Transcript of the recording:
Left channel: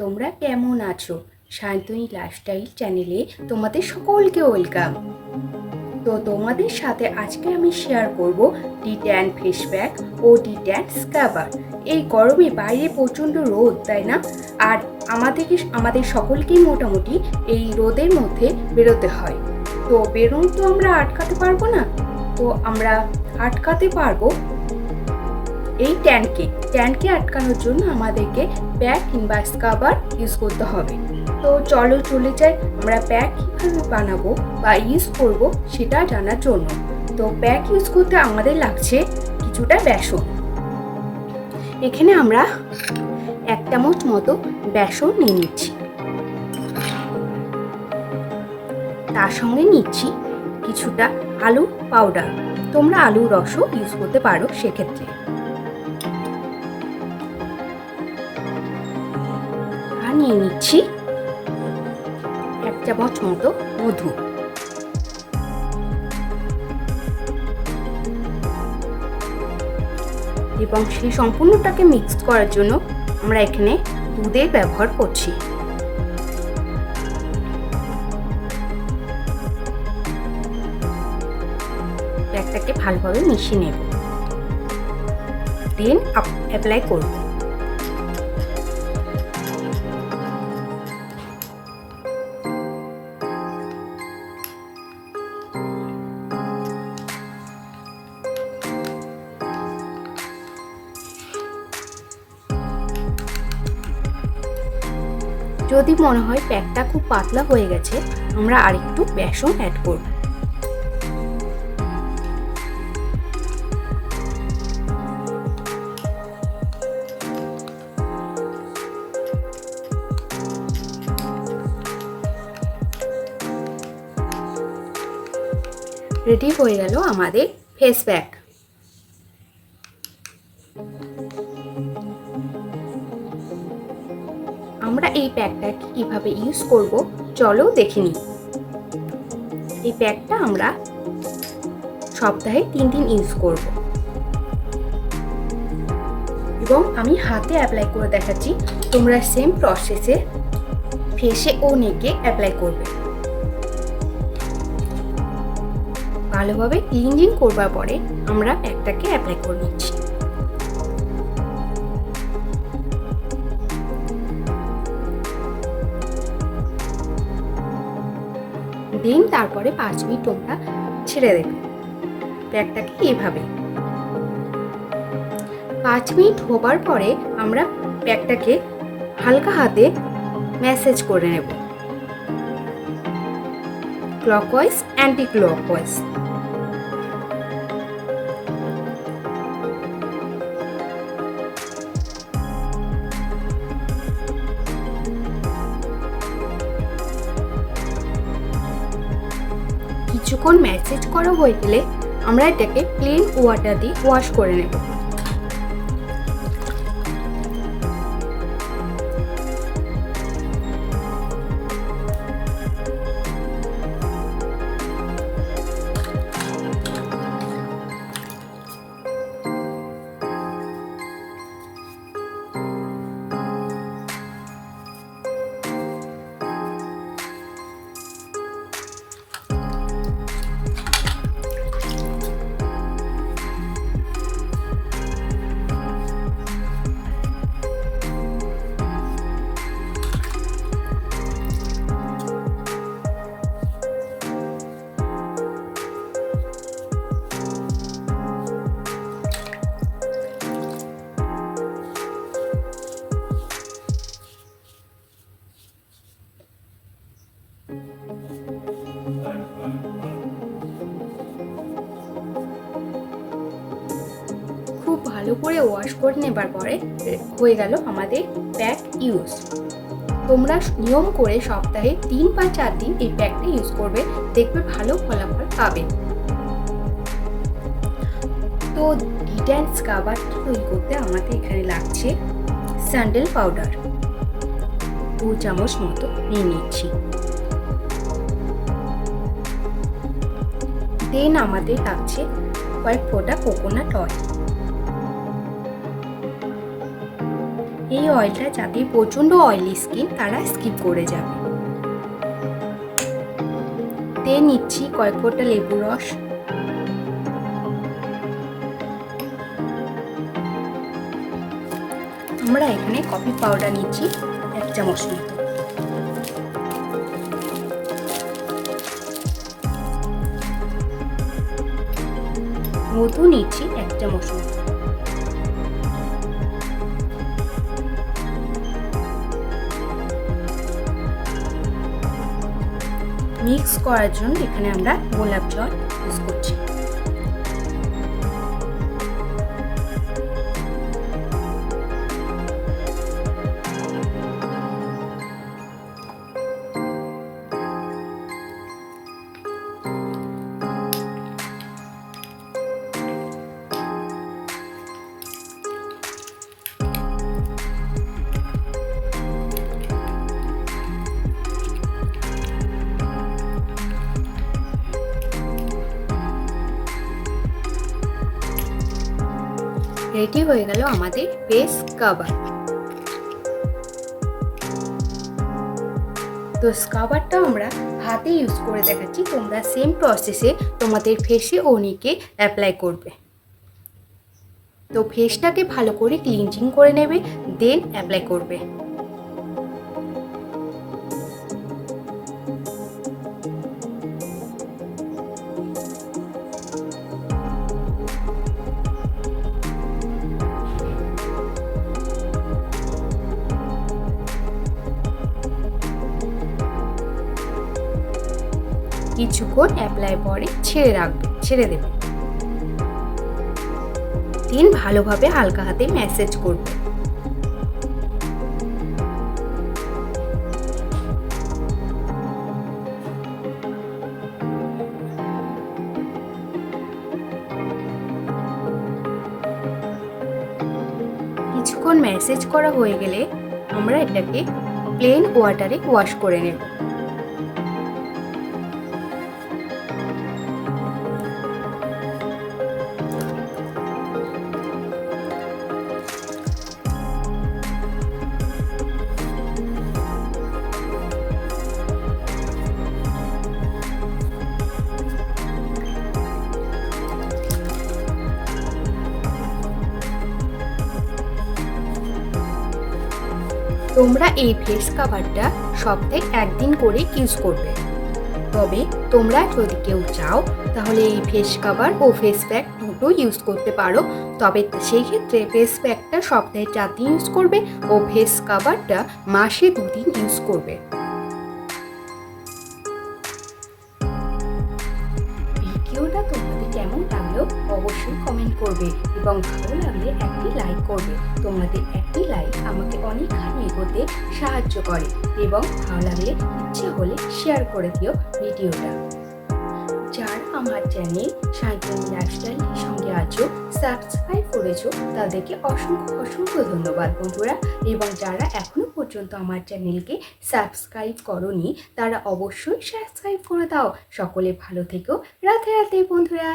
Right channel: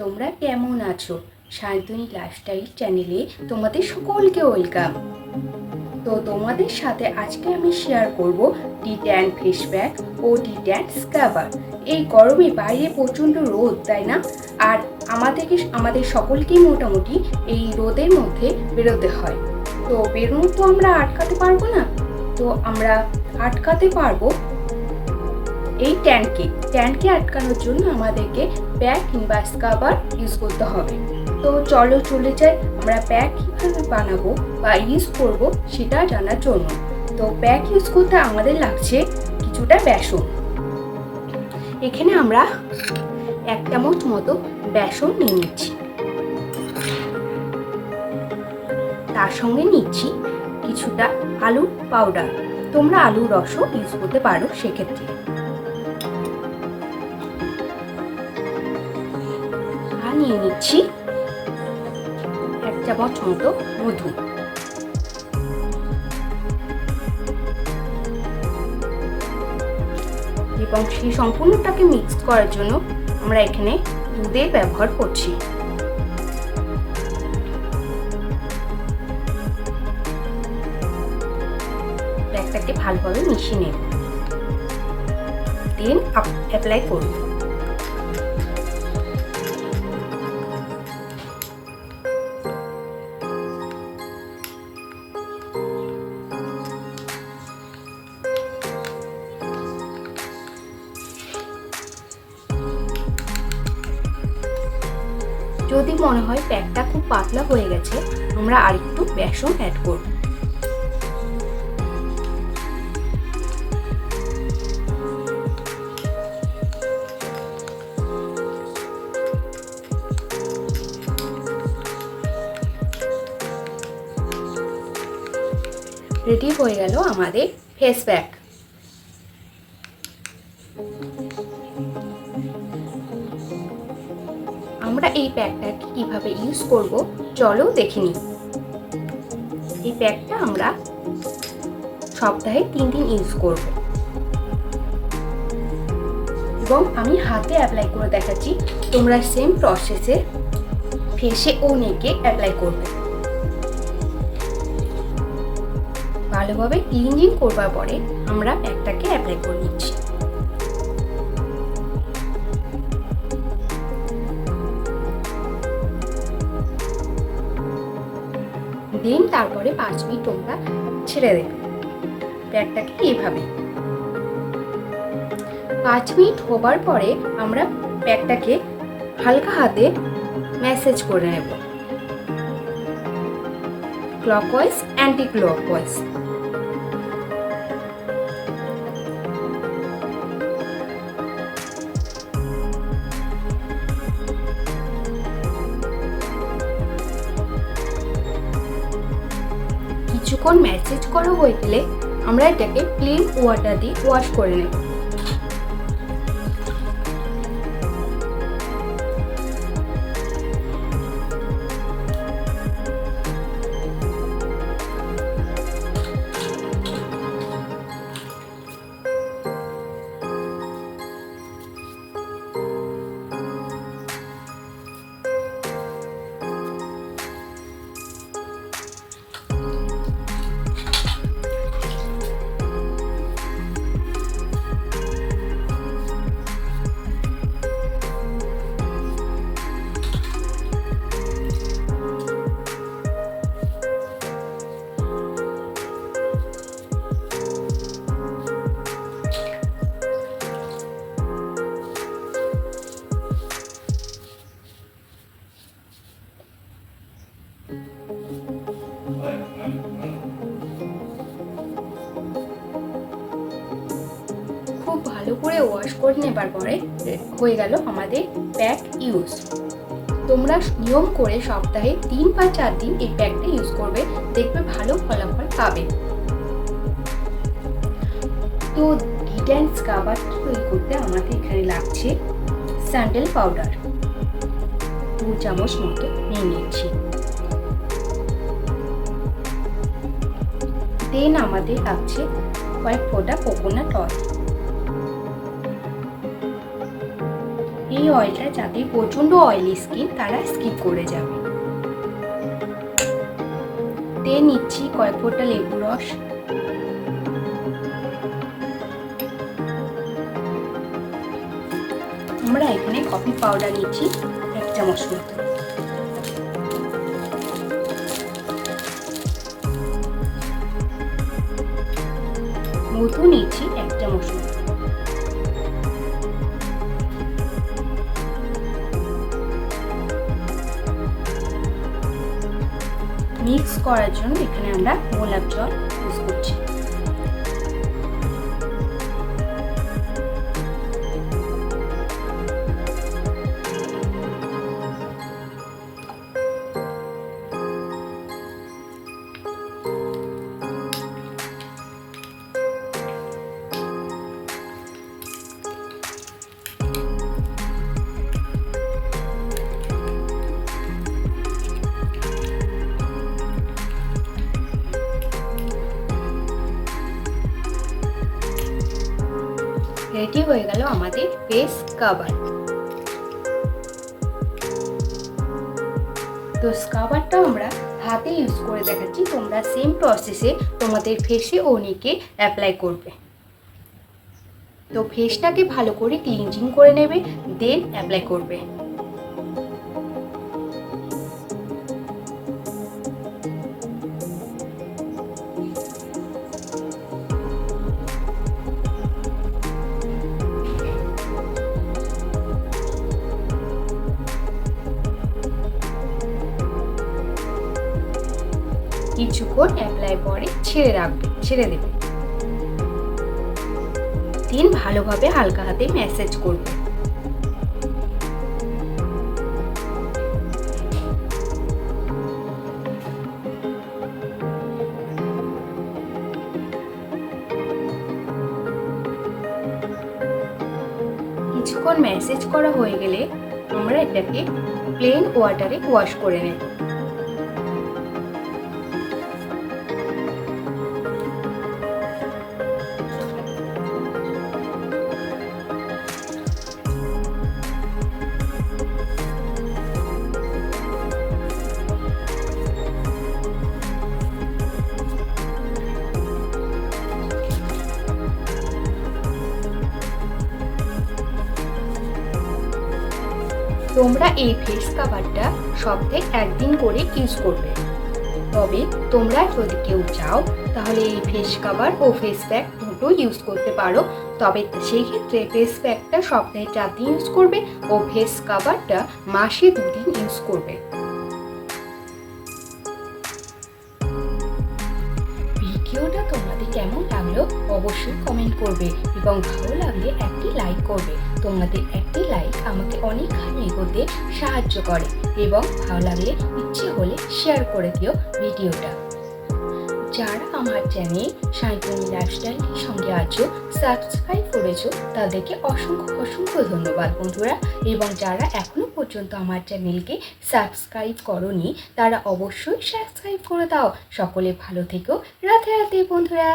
তোমরা কেমন আছো? শান্তনী লাইফস্টাইল চ্যানেলে তোমাদের সকলকে ওয়েলকাম। তো তোমাদের সাথে আজকে আমি শেয়ার করব ডিট্যান ফেস প্যাক ও ডিট্যান স্ক্রাবার। এই গরমে বাইরে প্রচণ্ড রোদ, তাই না? আর আমাদের সকলকেই মোটামুটি এই রোদের মধ্যে বেরোতে হয়। তো বেরোনো তো আমরা আটকাতে পারবো না, তো আমরা আটকাতে পারবো এই ট্যানকে আটকানোর জন্য আমাদেরকে প্যাক কিংবা স্ক্রাবার ইউজ করতে হবে। তো চলো চলে যাই আমরা প্যাক কীভাবে বানাবো বা ইউজ করব সেটা জানার জন্য। তো প্যাক ইউজ করতে আমাদের লাগছে কিছুটা বেসন। এখানে আমরা 1 চামচ মতো বেসন নিয়ে নিচ্ছি। তার সঙ্গে নিচ্ছি কিছুটা আলুর পাউডার। তোমরা আলুর রসও ইউজ করতে পারো সেক্ষেত্রে। নিয়ে নিচ্ছি 1 চামচ মতো মধু। এবং সেই সম্পূর্ণটাকে মিক্স করার জন্য আমরা এখানে দুধের ব্যবহার করছি। প্যাকটাকে ভালোভাবে মিশিয়ে নেব, দেন অ্যাপ্লাই করব। যদি মনে হয় প্যাকটা খুব পাতলা হয়ে গেছে, আমরা আরেকটু বেসন অ্যাড করব। রেডি হয়ে গেল আমাদের ফেস প্যাক। আমরা এই প্যাকটা কিভাবে ইউজ করব চলো দেখে নিই। এই প্যাকটা আমরা সপ্তাহে 3 দিন ইউজ করব এবং আমি হাতে অ্যাপ্লাই করে দেখাচ্ছি। তোমরা সেম প্রসেসে ফেসে ও নেকে অ্যাপ্লাই করবে। ভালোভাবে ক্লিনজিং করবার পরে আমরা প্যাকটাকে অ্যাপ্লাই করে নিচ্ছি। দেন তারপরে 5 মিনিট তোমরা ছেড়ে দেবে প্যাকটাকে এইভাবে। 5 মিনিট হবার পরে আমরা প্যাকটাকে হালকা হাতে ম্যাসেজ করে নেব, ক্লকওয়াইজ অ্যান্টি ক্লকওয়াইজ। কিছুক্ষণ ম্যাসেজ করা হয়ে গেলে আমরা এটাকে প্লেন ওয়াটার দিয়ে ওয়াশ করে নেব। খুব ভালো করে ওয়াশ করে নেবার পরে হয়ে গেল আমাদের প্যাক ইউজ। তোমরা নিয়ম করে সপ্তাহে 3 বা 4 দিন এই প্যাকটা ইউজ করবে, দেখবে ভালো ফলাফল পাবে। তো ডিট্যান স্ক্রাবার তৈরি করতে আমাদের এখানে লাগছে স্যান্ডেল পাউডার 2 চামচ মতো নিয়ে নিচ্ছি। দেন আমাদের লাগছে কয়েক ফোঁটা কোকোনাট অয়েল। এই অয়েলটা যাদের প্রচণ্ড অয়েলি স্কিন তারা স্কিপ করে যাবে। দিয়ে নিচ্ছি কয়েক ফোঁটা লেবু রস। আমরা এখানে কফি পাউডার নিচ্ছি 1 চামচ মতো। মধু নিচ্ছি 1 চামচ মতো। মিক্স করার জন্য এখানে আমরা গোলাপ জল ইউজ করছি। রেডি হয়ে গেল আমাদের ফেস স্ক্রাবার। তো স্ক্রাবারটা আমরা হাতে ইউজ করে দেখাচ্ছি, তোমরা সেম প্রসেসে তোমাদের ফেসে ও নেকে অ্যাপ্লাই করবে। তো ফেসটাকে ভালো করে ক্লিনজিং করে নেবে, দেন অ্যাপ্লাই করবে। কিছুক্ষণ অ্যাপ্লাই পরে ছেড়ে দেবে। দেন ভালোভাবে হালকা হাতে ম্যাসাজ করবে। কিছুক্ষণ ম্যাসাজ করা হয়ে গেলে আমরা এটাকে প্লেন ওয়াটারে ওয়াশ করে নেব। তোমরা এই ফেস কাভারটা সপ্তাহে 1 দিন করে ইউজ করবে। তবে তোমরা যদি কেউ চাও তাহলে এই ফেস কাভার ও ফেস প্যাক দুটো ইউজ করতে পারো। তবে সেই ক্ষেত্রে ফেস প্যাকটা সপ্তাহে 4 দিন ইউজ করবে ও ফেস কাভারটা মাসে 2 দিন ইউজ করবে। ভিডিওটা তোমাদের কেমন লাগলো অবশ্যই কমেন্ট করবে এবং ভালো লাগলে একটি লাইক করবে। তোমাদের একটি লাইক আমাকে অনেকখানি এগোতে সাহায্য করে এবং ভালো লাগলে ইচ্ছে হলে শেয়ার করে দিও ভিডিওটা। যারা আমার চ্যানেল সায়ন্তনী লাইফস্টাইলের সঙ্গে আছো, সাবস্ক্রাইব করেছো, তাদেরকে অসংখ্য ধন্যবাদ বন্ধুরা। এবং যারা এখনো পর্যন্ত আমার চ্যানেলকে সাবস্ক্রাইব করোনি তারা অবশ্যই সাবস্ক্রাইব করে দাও। সকলে ভালো থেকো, রাধে রাধে বন্ধুরা।